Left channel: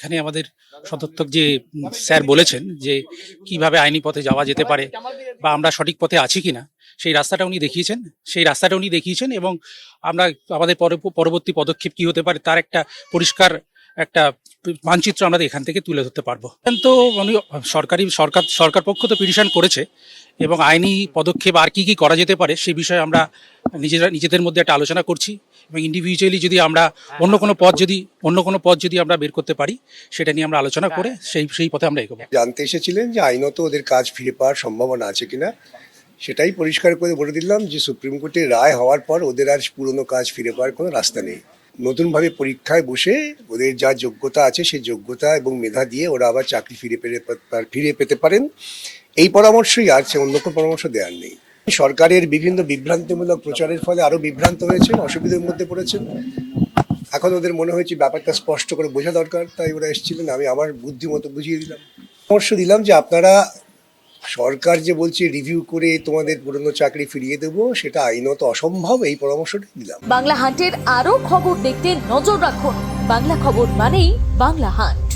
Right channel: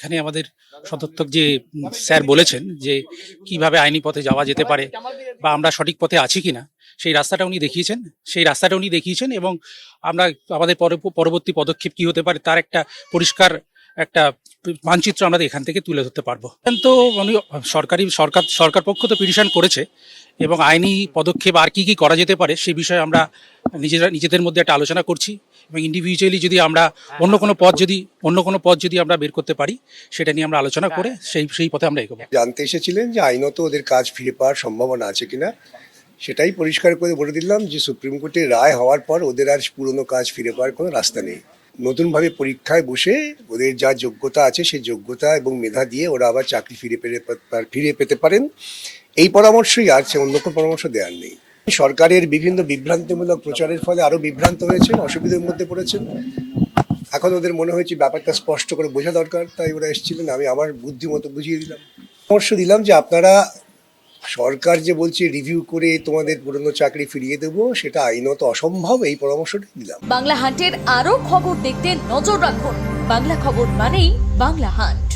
এখানে আমাদের সদর্থক যে স্যার বলেছেন যে কিভাবে আইনি পথে যাওয়া যেতে পারে বা আমরা সঠিক পথে আছি কিনা সেই রাস্তাটা উনি দেখিয়েছেন এবং আমরা আমাদের পরবর্তী পদক্ষেপ কি হতে পারে তার একটা পরিষ্কার একটা মানচিত্র আমরা এখান থেকে তুলে ধরতে পারবো। তো উনি সরকার পক্ষ তো পিটিশন করেছে এবং আইনি পদক্ষেপ আর কি কি করা যেতে পারে সেই বিষয়ে আমরা নিজেদের মধ্যে একটা আলোচনা করছি এবং ইন্ডিভিজুয়ালি যদি আমরা অন্য কোনো পথ যদি আমরা বের করতে পারি সেটা নিয়ে আমরা আলোচনা করে সেই পথে আমরা এগোবো। জানতে এসেছিলেন যে আইনত ওদের কাজ ফিরে পাওয়ার সম্ভাবনা আছে কিনা, সেটাই পরিষ্কার করে বলে দিলাম যে সুপ্রিম কোর্টের রায় হওয়ার পর ওদের আর পুরনো কাজ ফিরে পাওয়ার কোনো রাস্তা নেই। নতুনভাবে পরীক্ষায় বসে ওদের যা যোগ্যতা আছে সেই যোগ্যতা এবং মেধা দিয়ে ওরা আবার চাকরি ফিরে পেতে পারেন, এই পরামর্শই আছে, অন্য কোনো পরামর্শ দেওয়ার নেই। সরকারের বিভিন্ন বিভ্রান্তিমূলক প্রচারের ফলে আরো বিভ্রান্ত হয়েছেন, অসুবিধার মধ্যে পড়েছেন। এখন ওদের মনে হয়েছে ব্যাপারটা স্পষ্ট করে বোঝা দরকার, তাই ওরা এসেছিলেন। আমি আমার বুদ্ধি মতো বুঝিয়ে দিলাম, পরামর্শ দিলাম যে আপনারা সরকার যে বলছে রিভিউ করে তোমাদের পুরনো চাকরি ফিরিয়ে দেবো, সেটা আইনত অসম্ভব, এই পরামর্শটা দিলাম। বাংলা হাটের আরো খবর দেখতে নজর রাখুন। বাংলা খবর মানেই বাংলা হাট।